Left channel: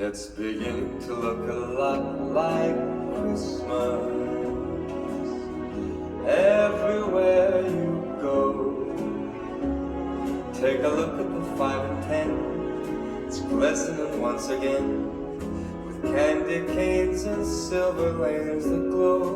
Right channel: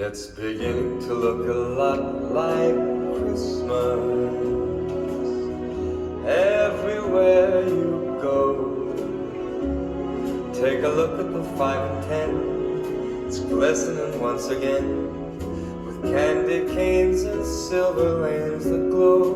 It's beginning to look a lot like Christmas. Everywhere you go, take a look at the 5 and 10. It's glistening once again with candy canes and silver lanes that glow.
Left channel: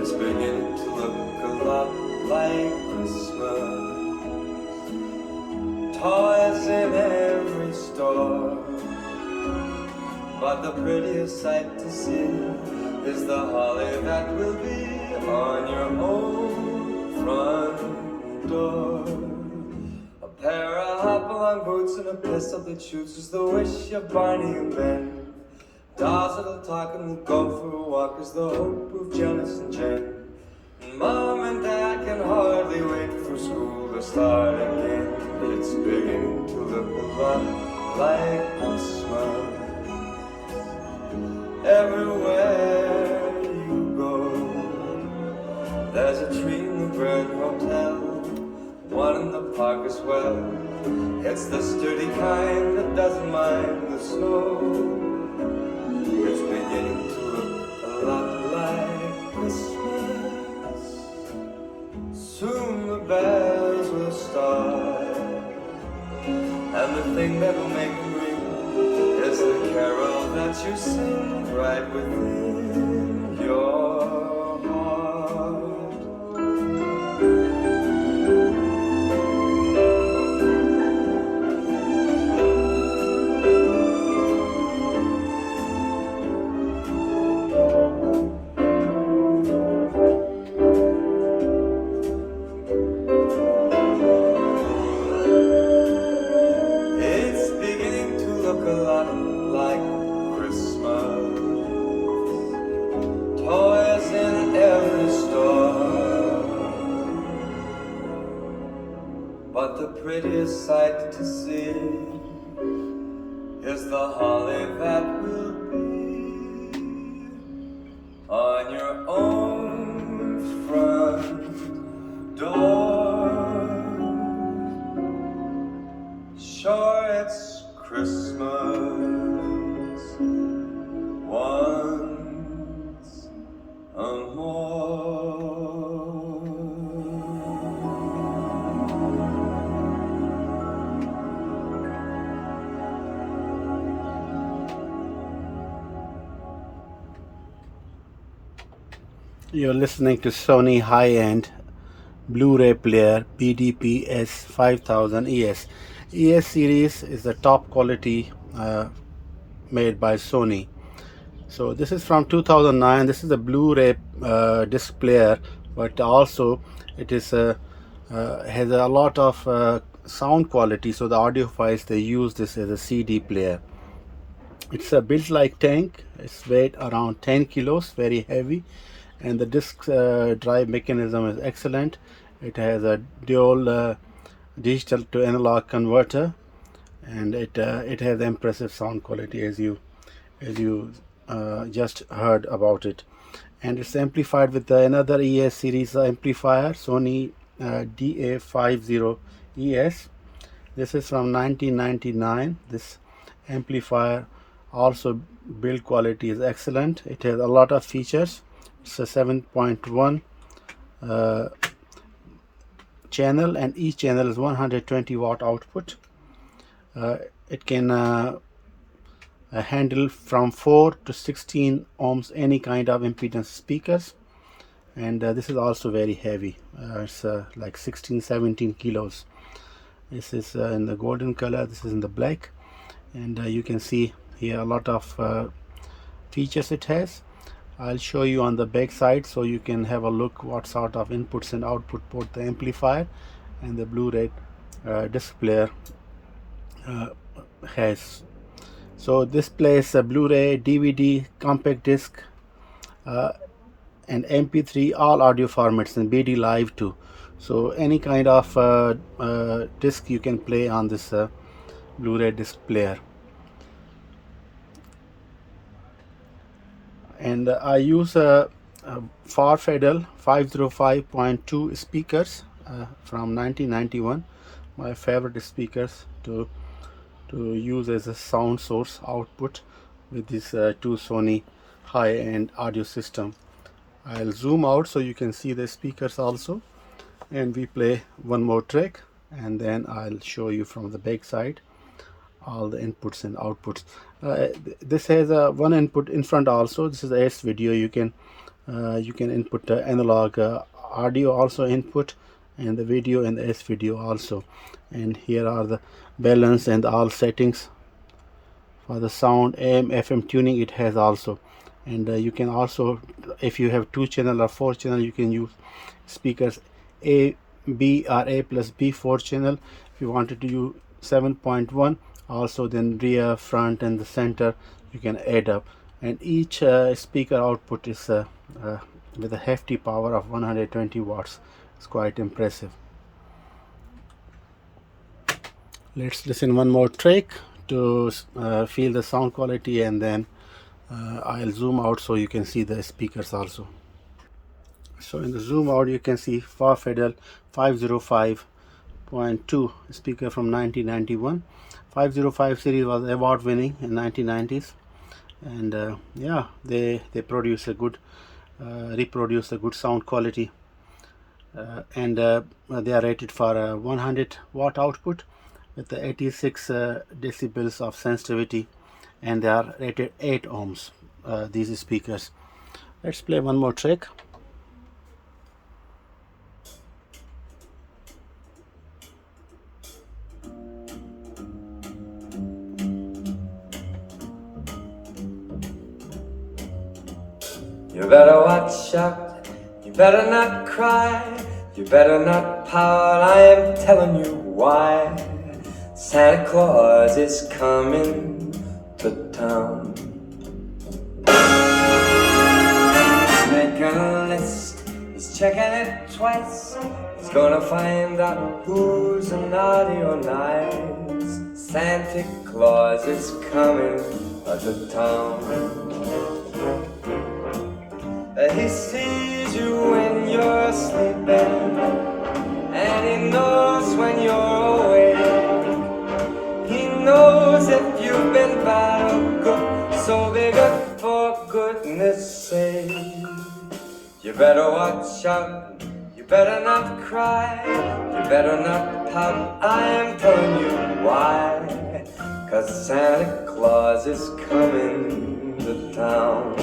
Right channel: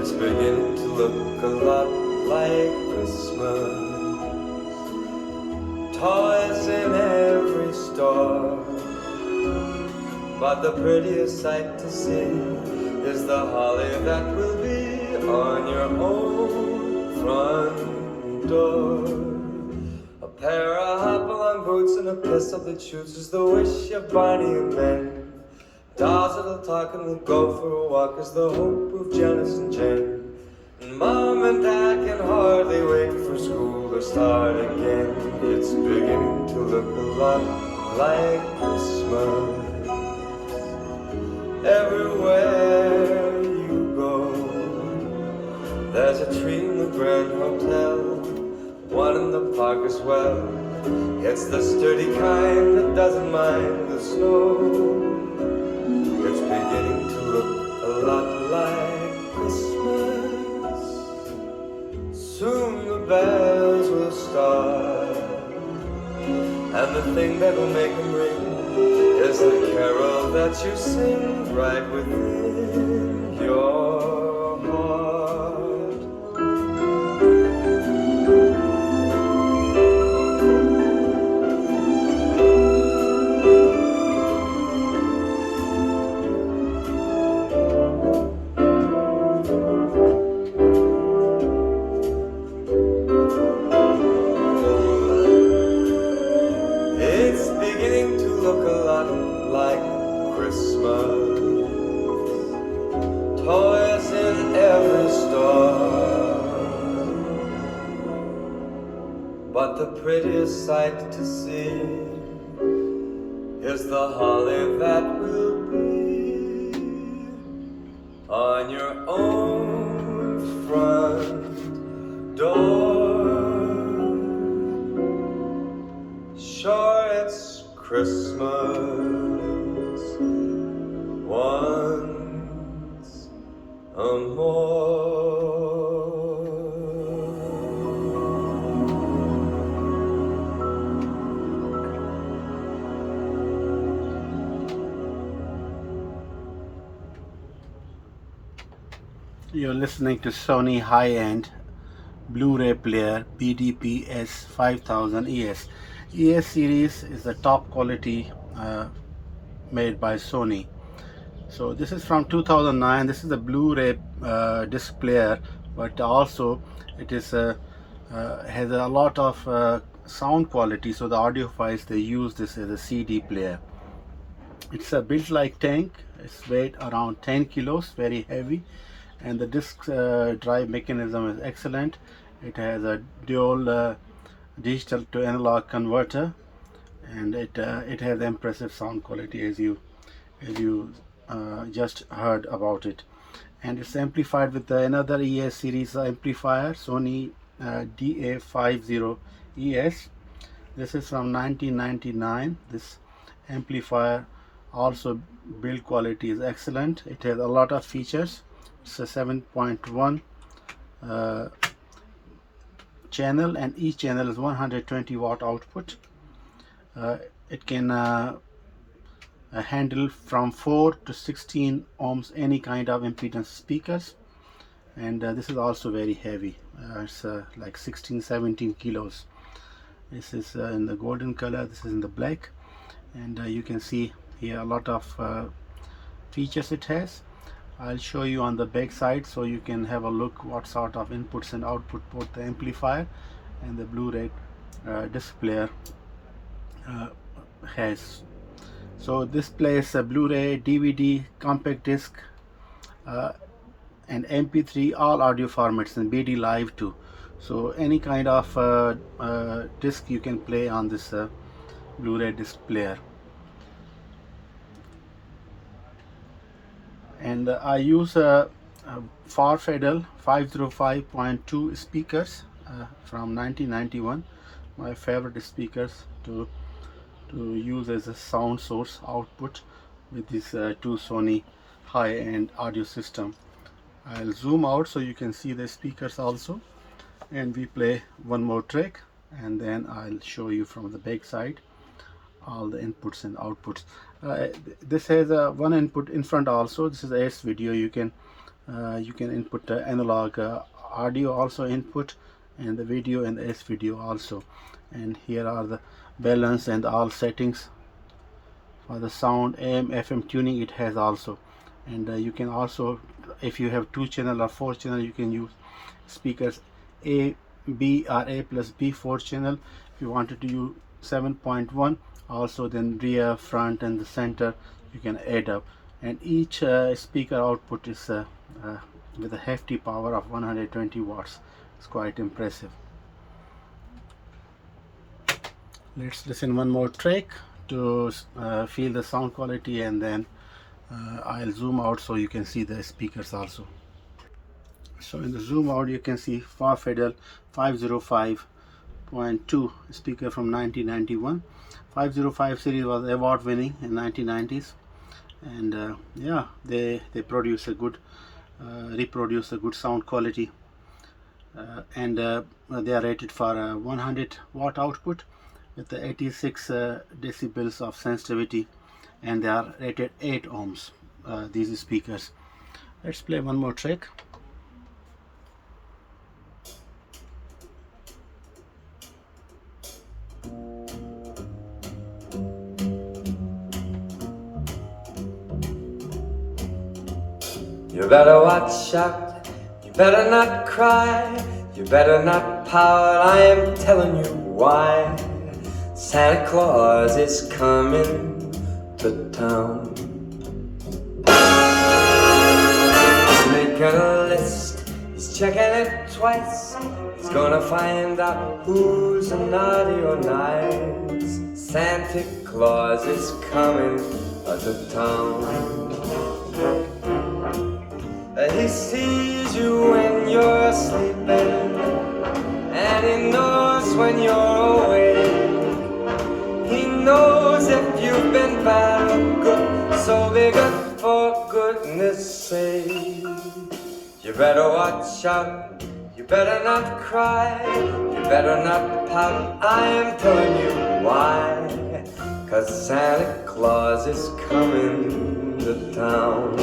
It's beginning to look a lot like Christmas. Toys in every store, but the prettiest sight to see is the holly that will be on your home front door. A pair of hop-along boots and a pistol that shoots is the wish of Barney and Ben. Dolls that'll talk and will go for a walk is the hope of Janice and Jen. And Mom and Dad can hardly wait for school to start again. It's beginning to look a lot like Christmas. Everywhere you go, there's a tree in the Grand Hotel, one in the park as well. It's the sturdy kind that doesn't mind the snow. It's beginning to look a lot like Christmas. Soon the bells will start, and the thing that will make them ring is the carol that you sing right within your heart. It's beginning to look a lot like Christmas. Toys in every store, but the prettiest sight to see is the holly that will be on your own front door. Sure, it's Christmas once more. You're listening to Sony high-end Blu-ray player BDP-S5000ES. ES series is the top quality made by Sony. So this is from 2009. This is a Blu-ray disc player, but also it is has a lot of sound quality. So the audiophiles, they use this as a CD player. It's a built like tank. It's weighed around 10 kilos, very heavy, and the disc drive mechanism is excellent. It has a dual digital to analog converter, and it has impressive sound quality as you just heard about it. And it's amplified with another ES series amplifier, Sony DA50ES. This is from 1999. This amplifier also build quality is excellent. It has a lot of features. It's a 7.1 channel, and each channel is 120 watt output. It can handle from 4 to 16 ohms any kind of impedance speakers, and this is also very heavy. It's like 16-17 kilos. This is in the golden color, this is in the black, and you can see here a lot of features it has. I'll show you on the back side so you can have a look what sort of inputs and output both the amplifier and the Blu-ray disc player has. So this plays a Blu-ray, DVD, compact disc, and MP3, all audio formats, and BD Live too. So any kind of disc you can play on this Blu-ray disc player. And I use Wharfedale 505.2 speakers from 1991, my favorite speakers to to use as a sound source output with this two Sony high-end audio system. I'll zoom out so you can see the speakers also, and we play one more track, and then I'll show you from the back side all the inputs and outputs. This has one input in front also. This is S video. You can input analog audio also input, and the video and the S video also. And here are the balance and all settings for the sound, AM FM tuning it has also. And you can also, if you have 2 channel or 4 channel, you can use speakers A, B or A plus B 4 channel. If you wanted to use 7.1 also, then rear, front and the center you can add up. And each speaker output is with a hefty power of 120 watts. It's quite impressive. Let's listen one more track to feel the sound quality, and then I'll zoom out so you can see the speakers also. So in the zoom out you can see Wharfedale 505.2 speaker from 1991. 505 series was award winning in 1990s, and yeah, they produce a good reproduce a good sound quality, and they are rated for 100 watt output with the 86 decibels of sensitivity, and they are rated 8 ohms, these speakers. Let's play one more track. You better watch out, you better not cry, you better not pout, I am telling you why. Santa Claus is coming to town. He's making a list, he's checking it twice, he's gonna find out who's naughty or nice. Santa Claus is coming to town. He sees you when you're sleeping, and he knows when you're awake. He knows if you've been bad or good, so be good for goodness sake. You better watch out, you better not cry, you better not pout, I'm telling you why. 'Cause Santa Claus is coming to town.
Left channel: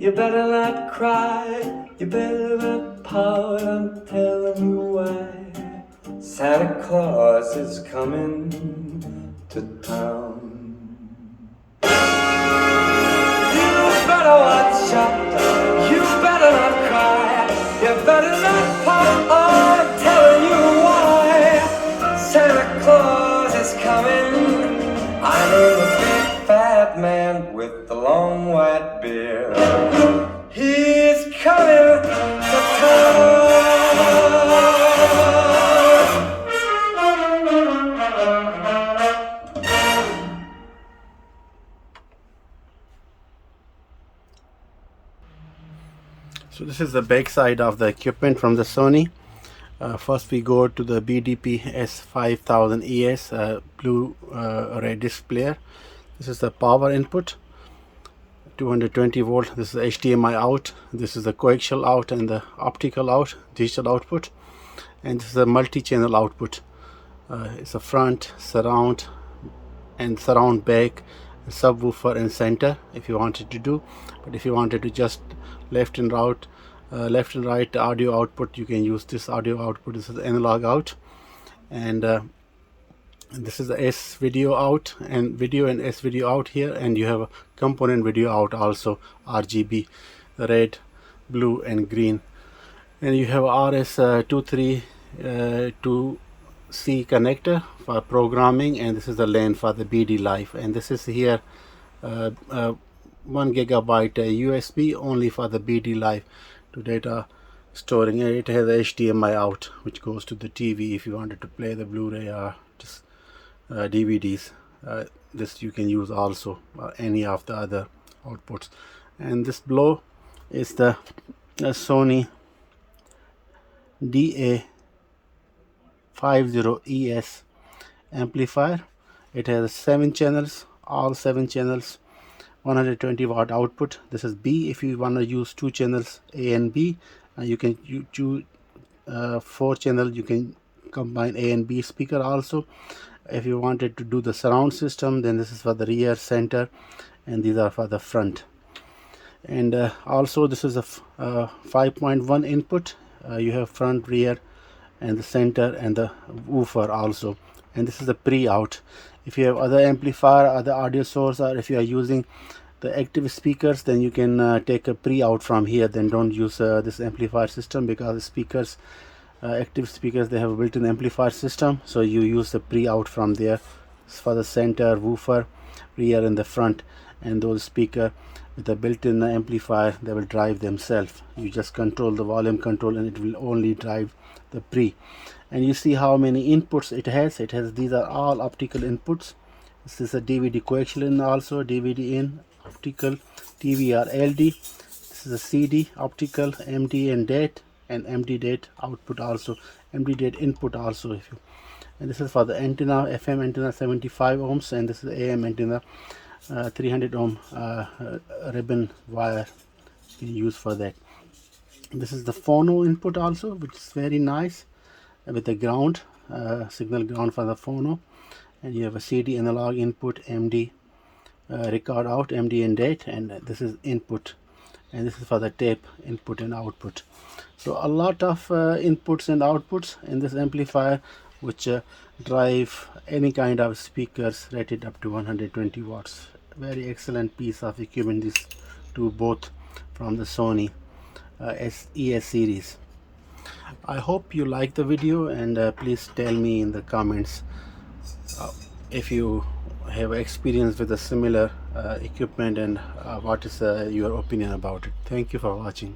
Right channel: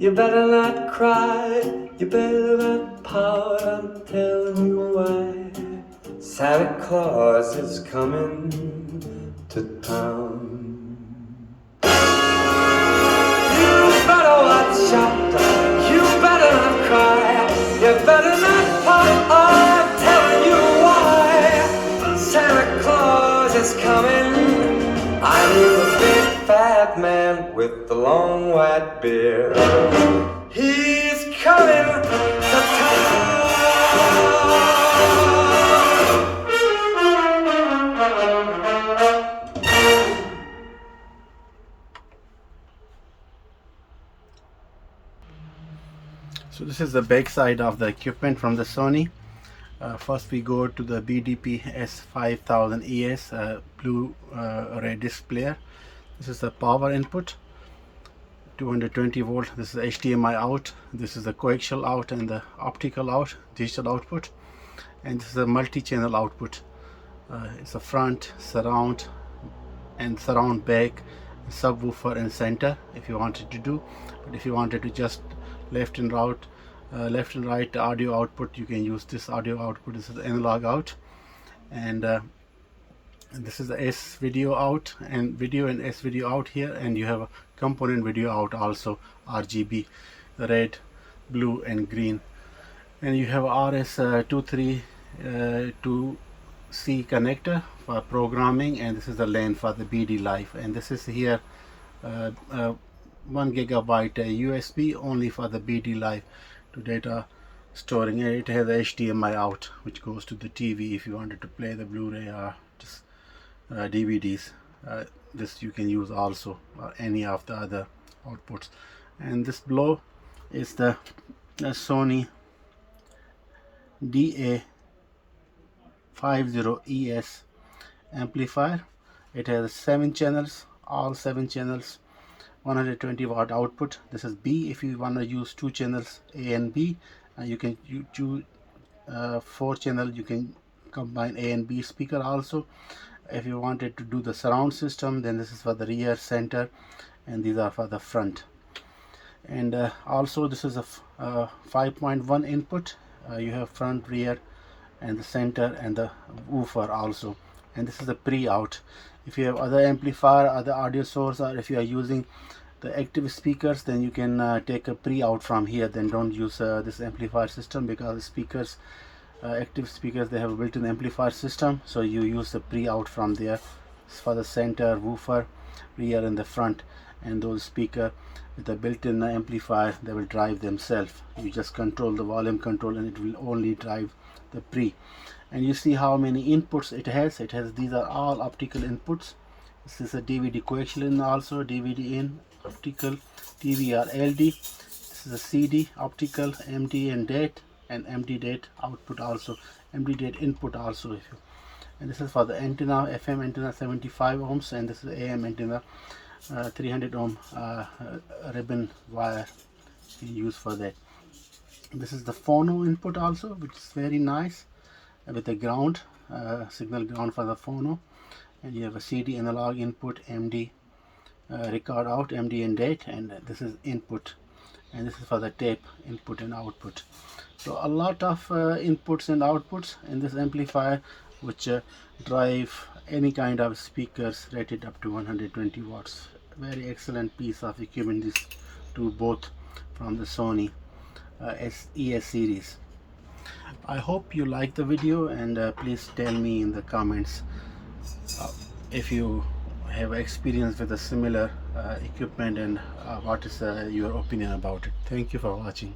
You better not cry, you better not pout, I'm telling you why. Santa Claus is coming to town. You better watch out, you better not cry, you better not pout, I'm telling you why. Santa Claus is coming. I'm a big fat man with the long white beard. He's coming to town. So this is the back side of the equipment from the Sony. First we go to the BDP-S5000ES BlueRay disc player. This is the power input, 220 volt. This is HDMI out. This is the coaxial out and the optical out, digital output. And this is a multi-channel output. It's a front, surround, and surround back, subwoofer and center if you wanted to do. But if you wanted to just left and right audio output, you can use this audio output. This is analog out, and this is the S video out and video and S video out here, and you have a component video out also, RGB, red, blue and green, and you have RS232C connector for programming, and this is the LAN for the BD Live, and this is here 1 gigabyte USB only for the BD Live to data storing. It has a HDMI out which goes to the TV if you wanted to play the Blu-ray or just DVDs. This you can use also any of the other outputs. And this below is the Sony DA50ES amplifier. It has 7 channels, all 7 channels, 120 watt output. This is B. If you want to use 2 channels A and B, you can choose 4 channel. You can combine A and B speaker also. If you wanted to do the surround system, then this is for the rear, center, and these are for the front. And also this is a 5.1 input. You have front, rear, and the center, and the woofer also. And this is the pre-out. If you have other amplifier, other audio source, or if you are using the active speakers, then you can take a pre-out from here. Then don't use this amplifier system, because the speakers, active speakers, they have a built-in amplifier system, so you use the pre-out from there for the center, woofer, rear and the front. And those speaker with the built-in amplifier, they will drive themselves. You just control the volume control and it will only drive the pre. And you see how many inputs it has. These are all optical inputs. This is a DVD coaxial also, DVD in, optical, TVR LD. This is a CD, optical, MD and DAT, and MD DAT output also, MD DAT input also. And this is for the antenna, FM antenna 75 ohms, and this is the AM antenna 300 ohm ribbon wire you can use for that. This is the phono input also, which is very nice, with the ground, signal ground for the phono. And you have a CD analog input, MD record out, MD and DAT, and this is input, and this is for the tape input and output. So a lot of inputs and outputs in this amplifier, which drive any kind of speakers rated up to 120 watts. Very excellent piece of equipment, these two both from the Sony ES series. I hope you like the video, and please tell me in the comments if you have experience with a similar equipment, and what is your opinion about it. Thank you for watching.